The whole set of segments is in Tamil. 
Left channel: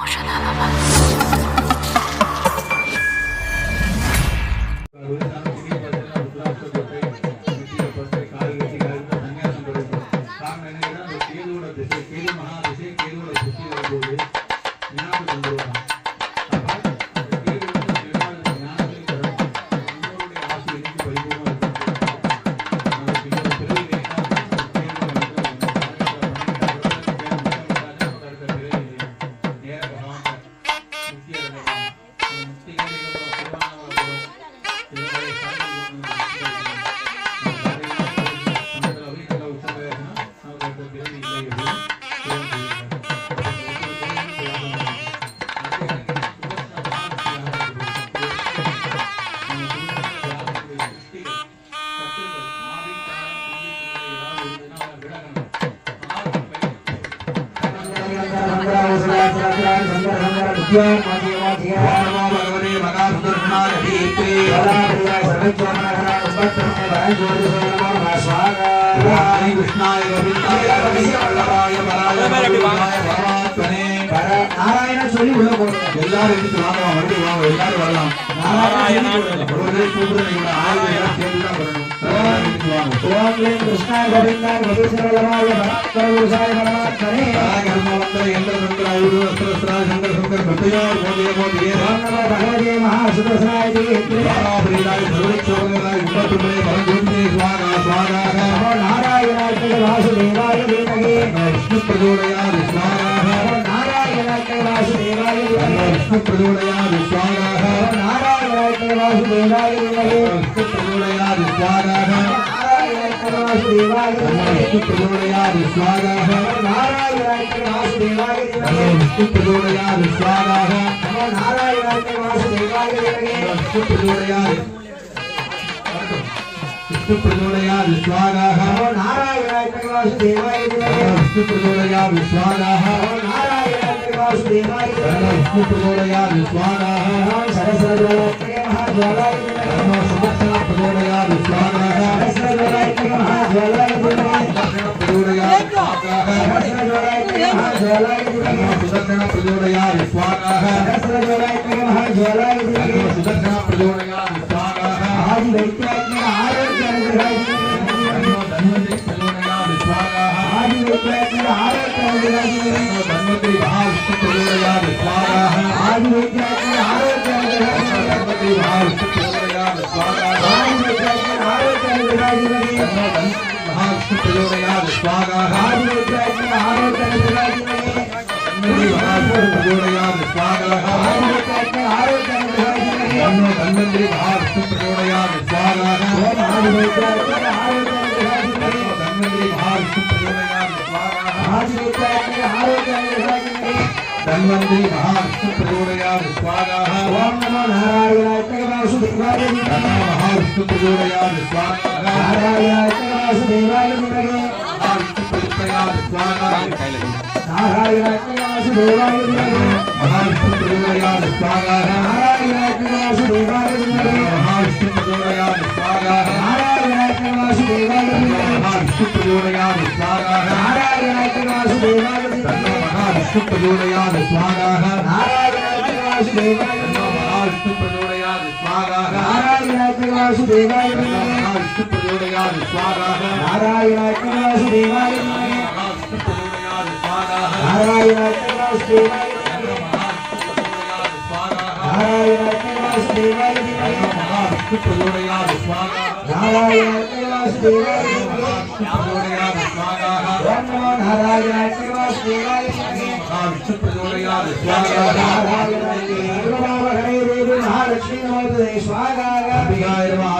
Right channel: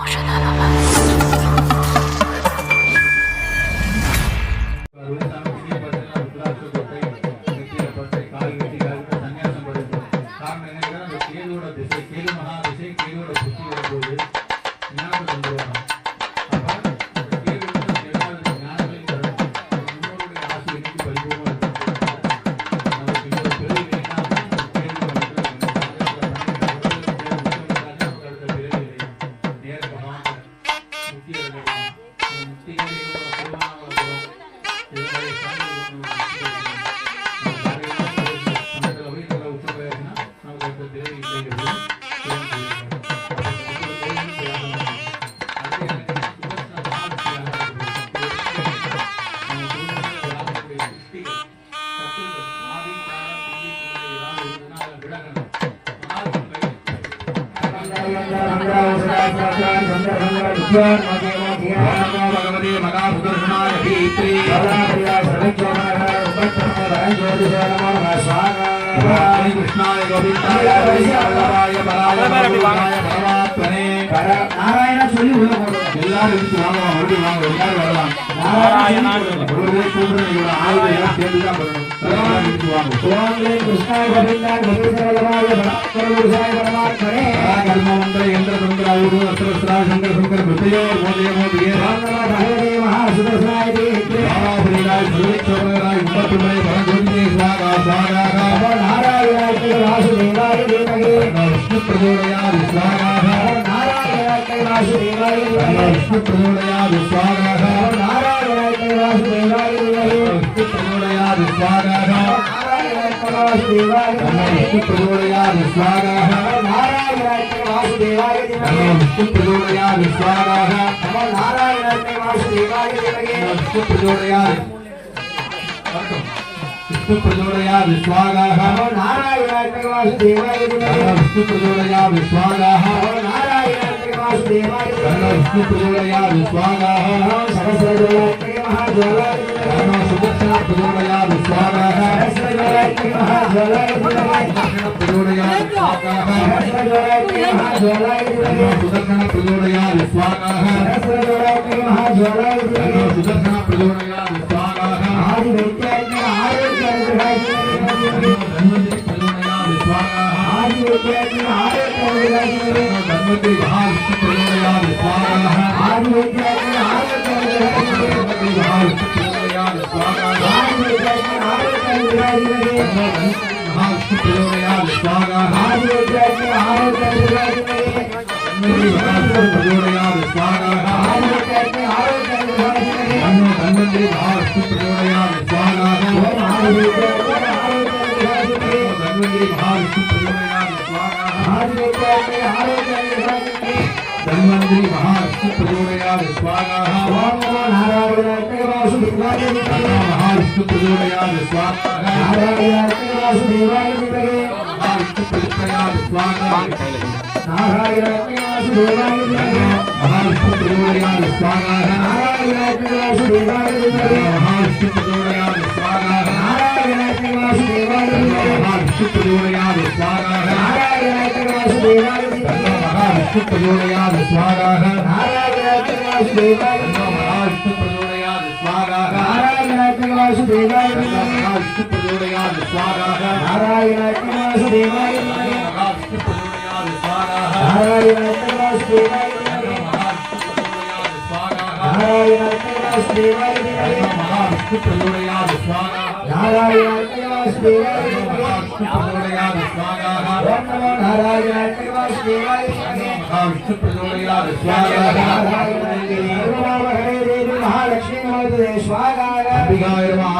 ಔಷಧನ ಬಂದು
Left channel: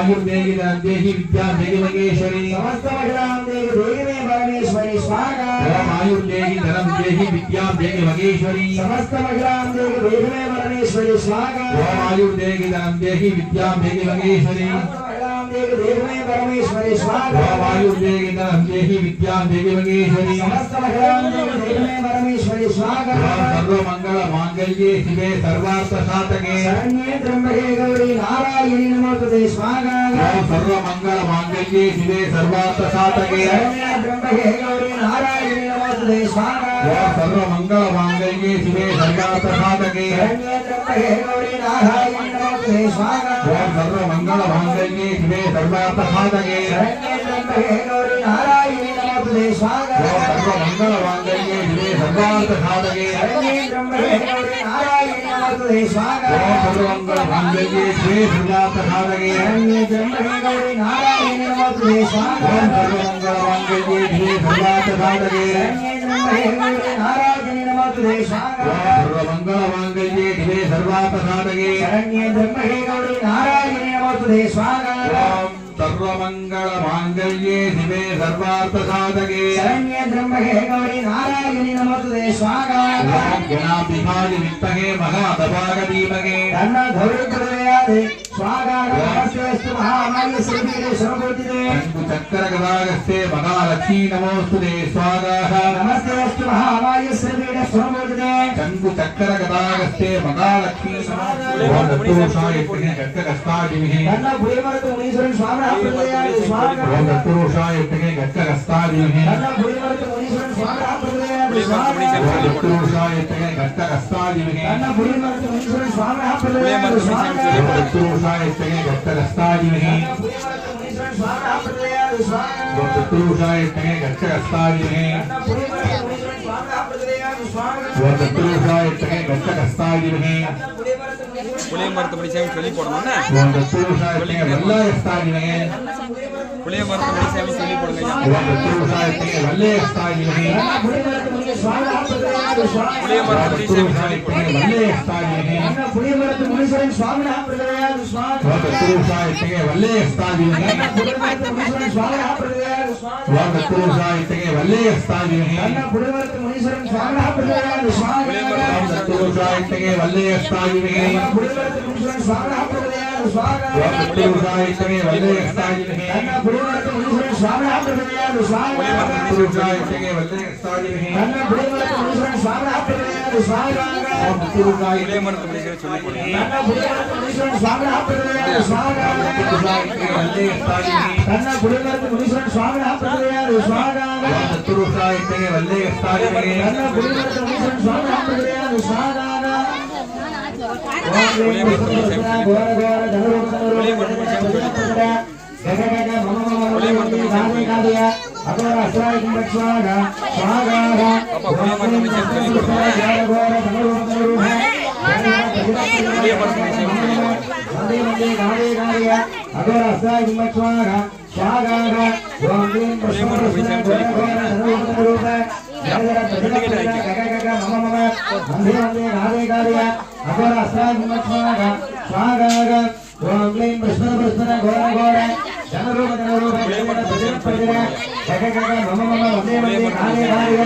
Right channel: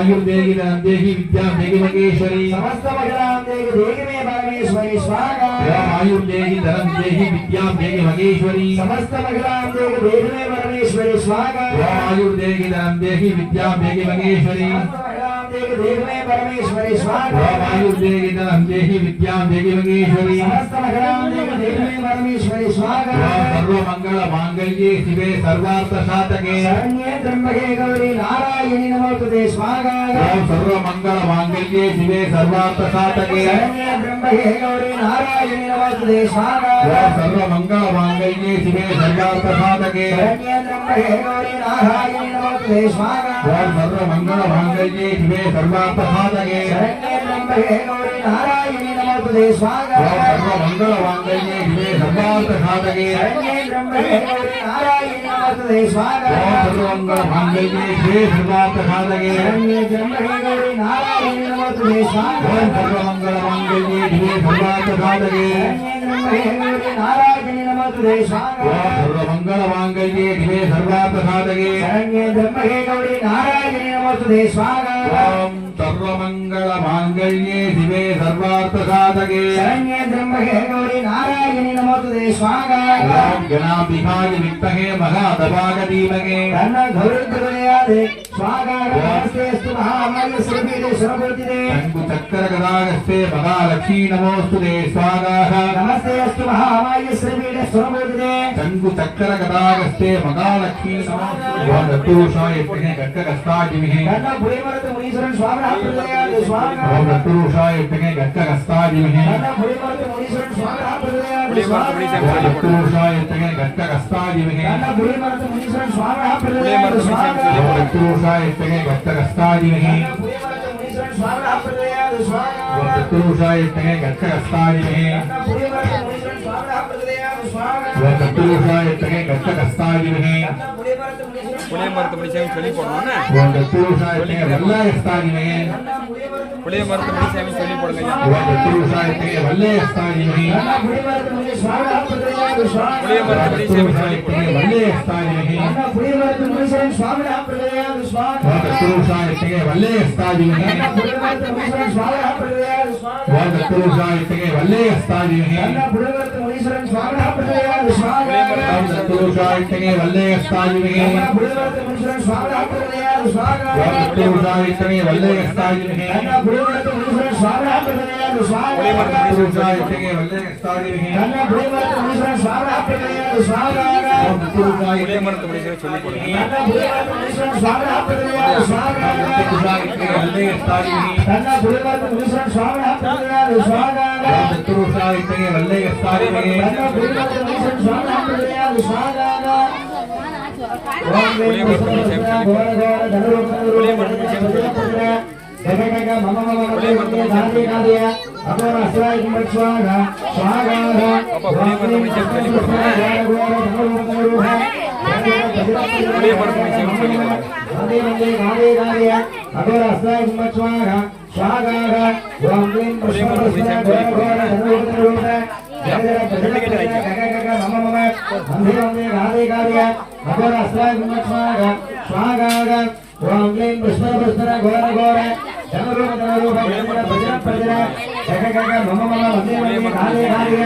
आयुर्देहि विद्या देहि महेश्वरी समस्त महिलाओं देहि में परमेश्वरी स्वागत आयुर्देहि धर्म देहि विद्या देहि महेश्वरी समस्त महिलाओं देहि में परमेश्वरी स्वागत आयुर्देहि धर्म देहि विद्या देहि महेश्वरी परमेश्वरी स्वागत आयुर्देहि धर्म देहि विद्या देहि महेश्वरी समस्त महिलाओं देहि में परमेश्वरी स्वागत सर्व मंगल मांगल्ये शिवे सर्वार्थ साधके शरण्ये त्र्यंबके गौरी नारायणी नमोस्तुते स्वागत सर्व मंगल मांगल्ये शिवे सर्वार्थ साधके शरण्ये त्र्यंबके गौरी नारायणी नमोस्तुते स्वागत ஓம் சர்வ மங்கள மாங்கல்யே சிவே சர்வார்த்த சாதகே शरण्ये त्र्यंबके गौरी नारायणि नमोस्तुते स्वाहा ஓம் சர்வ மங்கள மாங்கல்யே சிவே சர்வார்த்த சாதகே शरण्ये त्र्यंबके गौरी नारायणि नमोस्तुते स्वाहा ஓம் சர்வ மங்கள மாங்கல்யே சிவே சர்வார்த்த சாதகே शरण्ये त्र्यंबके गौरी नारायणि नमोस्तुते स्वाहा ஓம் சர்வ மங்கள மாங்கல்யே சிவே சர்வார்த்த சாதகே शरण्ये त्र्यंबके गौरी नारायणि नमोस्तुते स्वाहा ஓம் சர்வ மங்கள மாங்கல்யே சிவே சர்வார்த்த சாதகே शरण्ये त्र्यंबके गौरी नारायणि नमोस्तुते स्वाहा ஓம் சர்வ மங்கள மாங்கல்யே சிவே சர்வார்த்த சாதகே शरण्ये त्र्यंबके गौरी नारायणि नमोस्तुते स्वाहा ஓம் சர்வ மங்கள மாங்கல்யே சிவே சர்வார்த்த சாதகே शरण्ये त्र्यंबके गौरी नारायणि नमोस्तुते स्वाहा ஓம் கணாபிதாய வித்தகே மகாதபாக தீமகே तन्न गौरी प्रदयादे स्वाहा नमस्तेस्तु महामाय श्रीपीठे शरणबोधिते शंभु चक्र गदागस्ते महालक्ष्मी नमोस्तुते स्वागाः नमस्तेस्तु महामाय श्रीपीठे शरणबोधिते शंभु चक्र गदागस्ते महालक्ष्मी नमोस्तुते ओम दत्तुषाय यज्ञे गक्कगस्तादिविहे तन्न पुरीमर्त मुनीश्वरन स्वाहा प्रदयादे स्वाहा ओम दत्तुषाय यज्ञे गक्कगस्तादिविहे तन्न पुरीमर्त मुनीश्वरन स्वाहा प्रदयादे स्वाहा ओम दत्तुषाय यज्ञे गक्कगस्तादिविहे तन्न पुरीमर्त मुनीश्वरन स्वाहा प्रदयादे स्वाहा ओम दत्तुषाय यज्ञे गक्कगस्तादिविहे स्वाहा प्रदयादे स्वाहा ओम दत्तुषाय यज्ञे गक्कगस्तादिविहे तन्न पुरीमर्त मुनीश्वरन स्वाहा प्रदयादे स्वाहा ओम दत्तुषाय यज्ञे गक्कगस्तादिविहे तन्न पुरीमर्त मुनीश्वरन புளிய மரத்து முடிச்சாமி சொல்லி போடணும்னா ओम दत्तुषाय यज्ञे वल्लयस्तादिविहे புளிய மரத்து முடிச்சாமி சொல்லி போடுங்க ओम दत्तुषाय यज्ञे वल्लयस्तादिविहे तन्न पुरीमर्त मुनीश्वरन स्वाहा प्रदयादे स्वाहा புளிய மரத்து முடிச்சாமி சொல்லி போடுங்க वल्लयस्तादिविहे तन्न पुरीमर्त मुनीश्वरन स्वाहा प्रदयादे स्वाहा ओम दत्तुषाय यज्ञे वल्लयस्तादिविहे तन्न पुरीमर्त मुनीश्वरन स्वाहा प्रदयादे स्वाहा ओम दत्तुषाय यज्ञे वल्लयस्तादिविहे तन्न पुरीमर्त मुनीश्वरन स्वाहा प्रदयादे स्वाहा ओम दत्तुषाय यज्ञे वल्लयस्तादिविहे पुरीमर्त मुनीश्वरन स्वाहा प्रदयादे स्वाहा ओम दत्तुषाय यज्ञे वल्लयस्तादिविहे तन्न पुरीमर्त मुनीश्वरन स्वाहा प्रदयादे स्वाहा दत्तुषाय यज्ञे वल्लयस्तादिविहे तन्न पुरीमर्त मुनीश्वरन स्वाहा प्रदयादे स्वाहा ओम दत्तुषाय புளிய மரத்து முடிச்சாமி சொல்லி போடுங்க तन्न पुरीमर्त मुनीश्वरन स्वाहा प्रदयादे स्वाहा दत्तुषाय यज्ञे वल्लयस्तादिविहे तन्न पुरीमर्त मुनीश्वरन स्वाहा प्रदयादे स्वाहा ओम दत्तुषाय यज्ञे वल्लयस्तादिविहे तन्न पुरीमर्त मुनीश्वरन स्वाहा प्रदयादे स्वाहा ओम ह्रीं पुष्पपुष्पा घोर घोर धनुर्धनुर्वज्रपुत्र गगगग मम मम मम धाति नादिया अघोर अस्राय कुम्भस्वाहा स्वाहा ओम ह्रीं पुष्पपुष्पा घोर घोर धनुर्धनुर्वज्रपुत्र धाति नादिया अघोर अस्राय कुम्भस्वाहा स्वाहा ओम ह्रीं पुष्पपुष्पा घोर घोर धनुर्धनुर्वज्रपुत्र गगगग मम मम वन्दे वन्दे गादे गादय अघोर अस्राय कुम्भस्वाहा स्वाहा ओम ह्रीं पुष्पपुष्पा घोर घोर धनुर्धनुर्वज्रपुत्र गगगग मम मम वन्दे वन्दे गादे गादय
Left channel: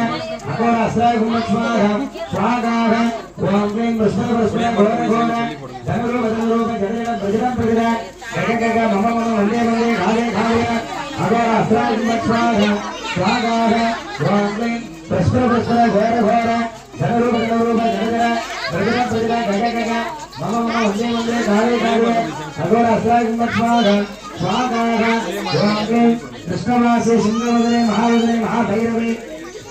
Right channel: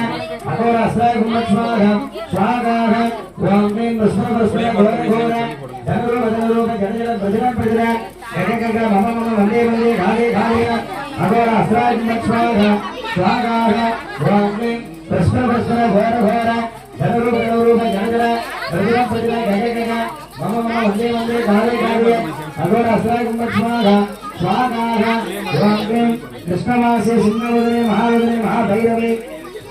अघोर अस्राय कुम्भस्वाहा स्वाहा ओम ह्रीं पुष्पपुष्पा घोर घोर धनुर्धनुर्वज्रपुत्र गगगग मम मम वन्दे वन्दे गादे गादय अघोर अस्राय कुम्भस्वाहा स्वाहा ओम ह्रीं पुष्पपुष्पा घोर घोर धनुर्धनुर्वज्रपुत्र गगगग मम मम वन्दे वन्दे गादे गादय अघोर अस्राय कुम्भस्वाहा स्वाहा ओम ह्रीं कृष्णवासे सिंहवदने महावदने महाभैरवे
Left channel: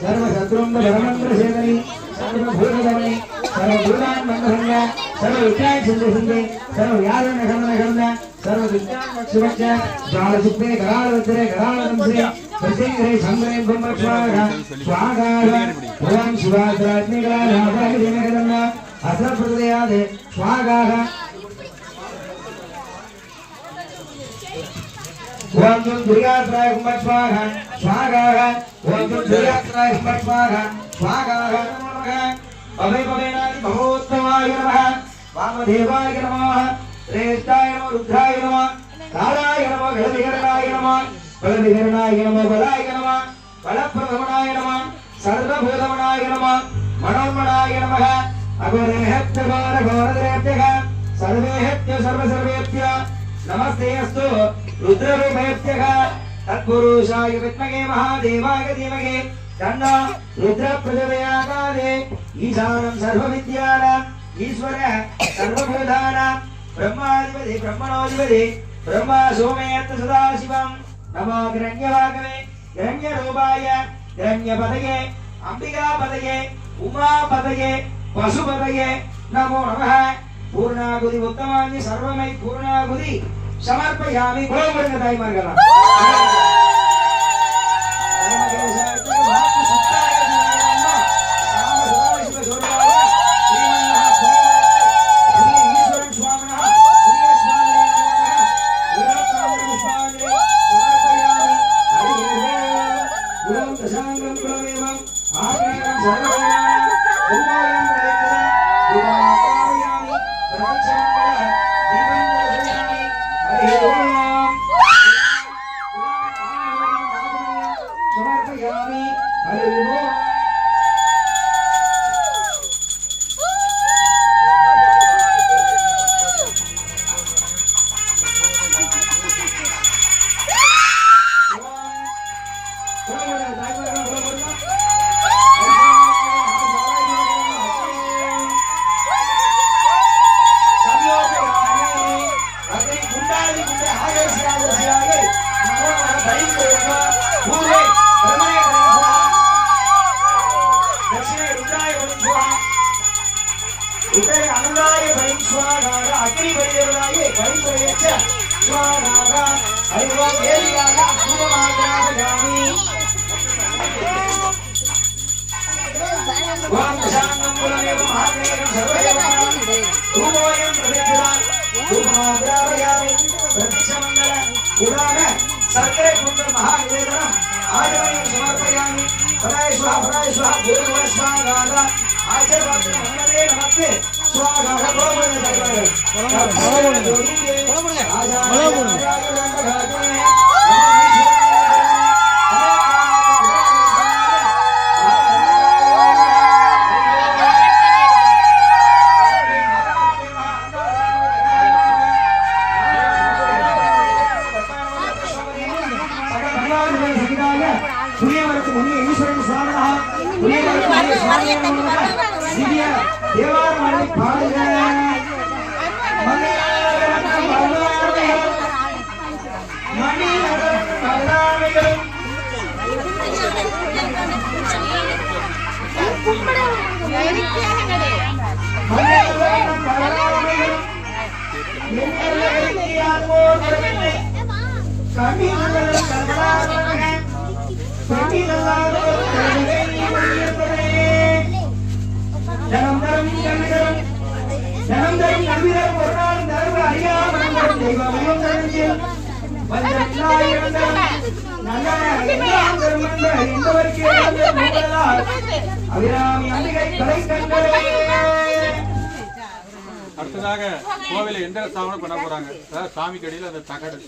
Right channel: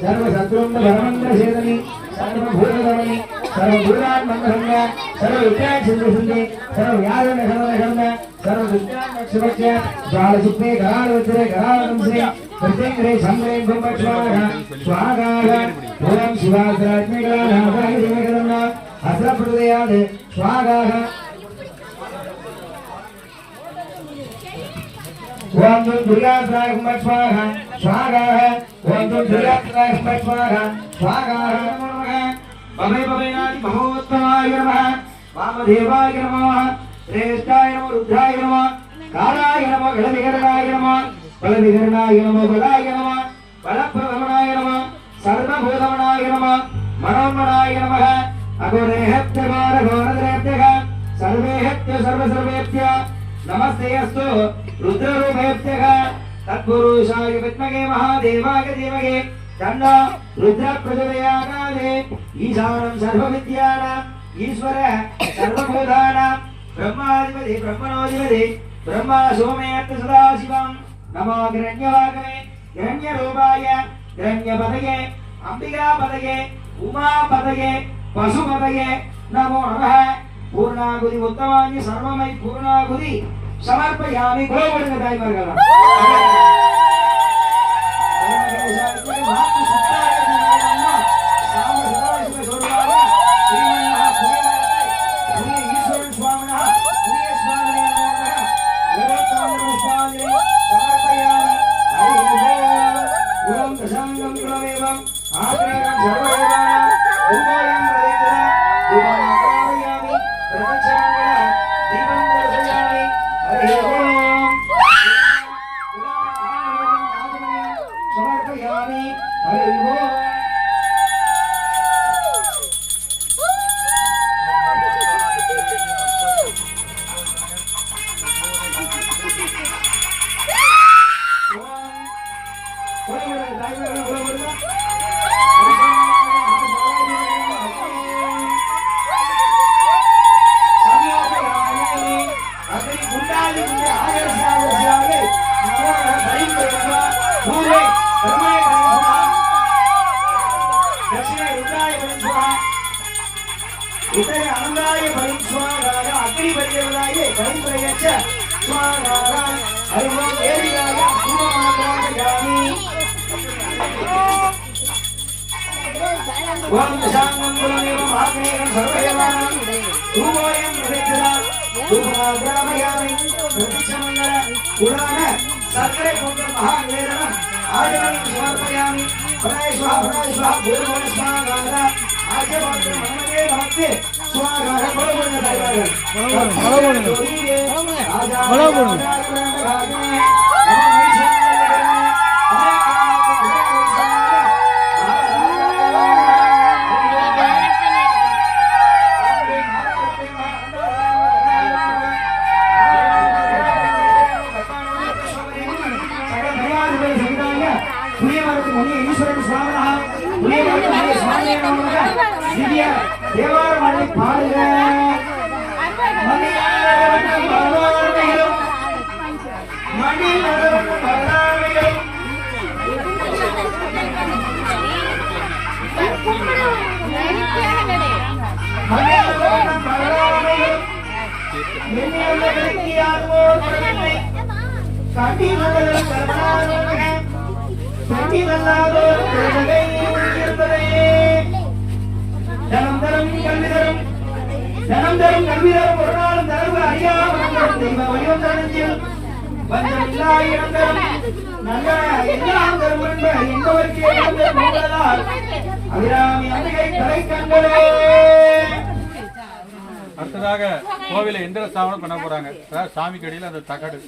सर्वशत्रुन्दरमन्त्रसेदने सर्वभूतदमे सर्वभूतान् मन्दहन्य सर्वविद्याक्षुन्दे सर्वव्याधनखण्डनखण्ड सर्वविद्यान्मक्षुभक्ष ज्वालसुप्ते करालवज्रे करालवंशे प्रत्यङ्ग्रे सङ्ग्रे ब्रह्मस्वाहा स्वाहा ओम शिवाग्रज्ञगणानाथाय दिनगणना अस्रप्रदयादे स्वाहा ओम दुर्गात्राय कुम्भस्वाहा स्वाहा ओम दुर्गात्राय कुम्भस्वाहा स्वाहा नमो नमः भवे भवेनादि महोत्तमाय नमः वामदेवाय नमः श्रेष्ठाय नमः रुद्राय नमः कालाय नमः गलविहरणाय नमः बलविहरणाय नमः बलाय नमः बलप्रभवनाय नमः सर्वभूतमनाय नमः मनोमनाय नमः अघोरेहत्य घोर घोरद्रेभ्यः सर्वेहत्य सर्वसर्वेभ्य नमस्ते अस्तु रुद्ररूपेभ्यः तत्पुरुषाय विद्महे महादेवाय धीमहि तन्नो रुद्रप्रचोदयात् ईशानं सर्वविद्यानाम् ईश्वरः सर्वभूतानां ब्रह्माधिपति ब्रह्मणोऽधिपति ब्रह्मा सोमयत् सदाशिवं नमो हिरण्यवागवे हिरण्यरूपाय हिरण्यपतये अंबिका पदये उमा पदये पशुपदये नमो नमः पूर्णाहुति उत्तमानि सर्वमय पूर्णाहुति समर्पयामि गोविंद दाइमर्गला उत्तरे आनंदाय भयं स्वागाय अग्नि परिदेवताय भयं प्रयच्छ स्वागाय हरिओं देवियाय पूर्वमात्रामयामि ओम शांतं गुरुमेव महात्मेयं सर्वदेवानां धूमोऽयं प्रदक्षिणा धूममात्रामयामि प्रतिक्षमङ्गल पुराण सर्करे कुंडं महानिवेदनम् आजमयं समर्पयामि पराय स्वाहा भूर्भुवः स्वागाय आजवाते मनमते नमस्ते स्वागाय भगवान दाइवारे भगवान जोड़िए அடுத்ததாக கோவில எந்திர ஸ்தாபனம் பண்ண போறாங்க. சாமிக்கு அடியில் அந்த தகடு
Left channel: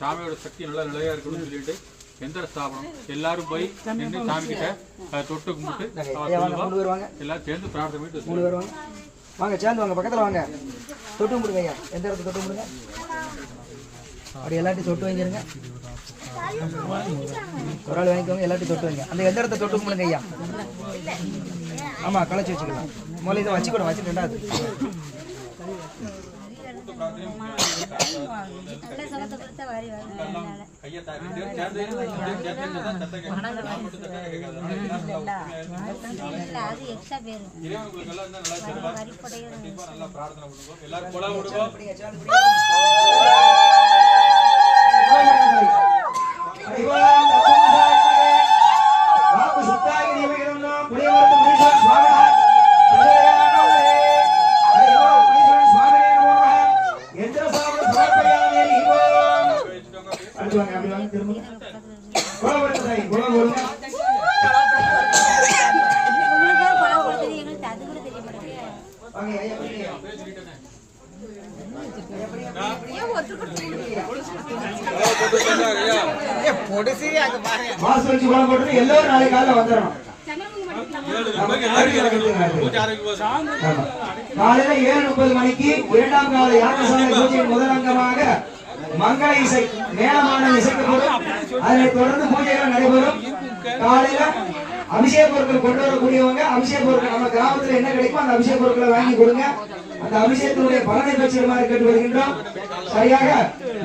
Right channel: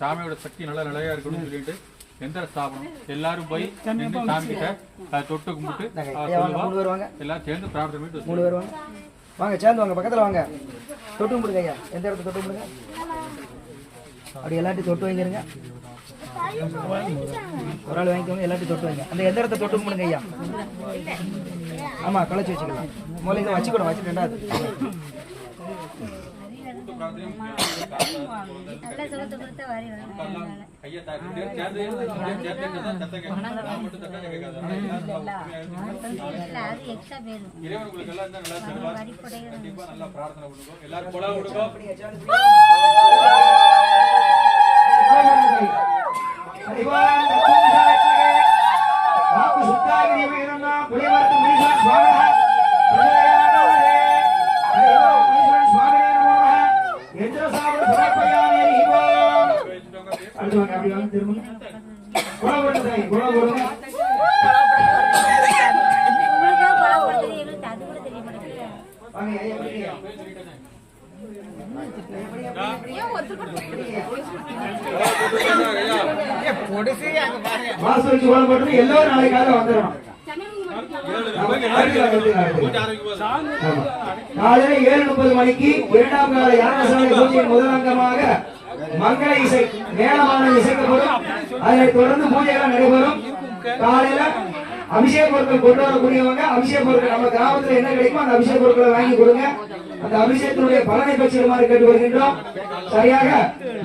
சாமியோட சக்தி நல்லா நிலையா இருக்கணும்னு சொல்லிட்டு எந்திர ஸ்தாபனம் எல்லாரும் போய் நின்று சாமி கிட்ட தொட்டு கும்பிட்டு எல்லாரும் சேர்ந்து பிரார்த்தனை பண்ணிட்டு வாங்க, சேர்ந்து வாங்க, பக்கத்துல வாங்க, தொட்டு கும்பிடுங்க ஐயா. எந்த இடத்துல தொட்டு கும்பிடுங்க, அப்படி எல்லாத்தையும் தொட்டு வைக்கிறங்க. ஒரு ஆள் வாங்கிக்கோங்க, எல்லாத்தையும் தொட்டு வைங்க. அந்த எந்த இடத்த தொட்டு கும்பிடுங்க ஐயா. ஆமா, களைச்சி வச்சுக்கலாம். முதல்ல இதை வச்சு கூட வச்சுட்டு ரெண்டாவது இறைவனுக்கு எல்லாம் நல்லா செல்வார். கண்டிப்பா நல்லா பிரார்த்தனை பண்ணுவோம். எல்லாரும் கொலை விடுவோம். எல்லாரும் நாளைக்கு காலையில வந்துடணும். காலையில 7:30 மணிக்கு இரண்டாம் கால யாகசாலை பூஜையின் முதல் அங்கமாக மங்கள இசை மேளமான இசைக்கப்படும். அதனைத் தொடர்ந்து பூஜைகள் நடைபெறும். காலையில அபிஷேக பொருட்கள் கொண்டு வரக்கூடியவங்க அபிஷேக பொருட்கள் நம்ம கிராமத்துல என்ன கிடைக்குமோ அந்த அபிஷேக பொருட்களை வாங்கி கொடுங்க. அந்த அபிஷேகத்தினுடைய பலனை பெற்றுமாறு கேட்டுக்கொள்கின்றோம். சரியாக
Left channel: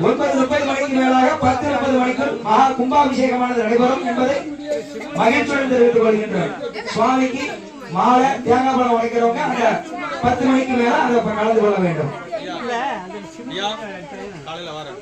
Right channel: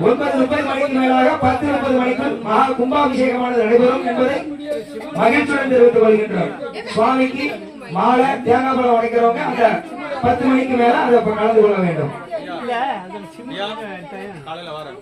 9:30 மணிக்கு மேலாக 10:30 மணிக்குள் மகா கும்பாபிஷேகமானது நடைபெறும் என்பதை மகிழ்ச்சியுடன் தெரிவித்துக் கொள்கின்றோம். சுவாமிக்கு மாலை தேங்காய் பழம் உடைக்கிறவங்க அந்த 10 மணிக்கு மேல அதை கலந்து கொள்ள வேண்டும். காலையில வரேன்.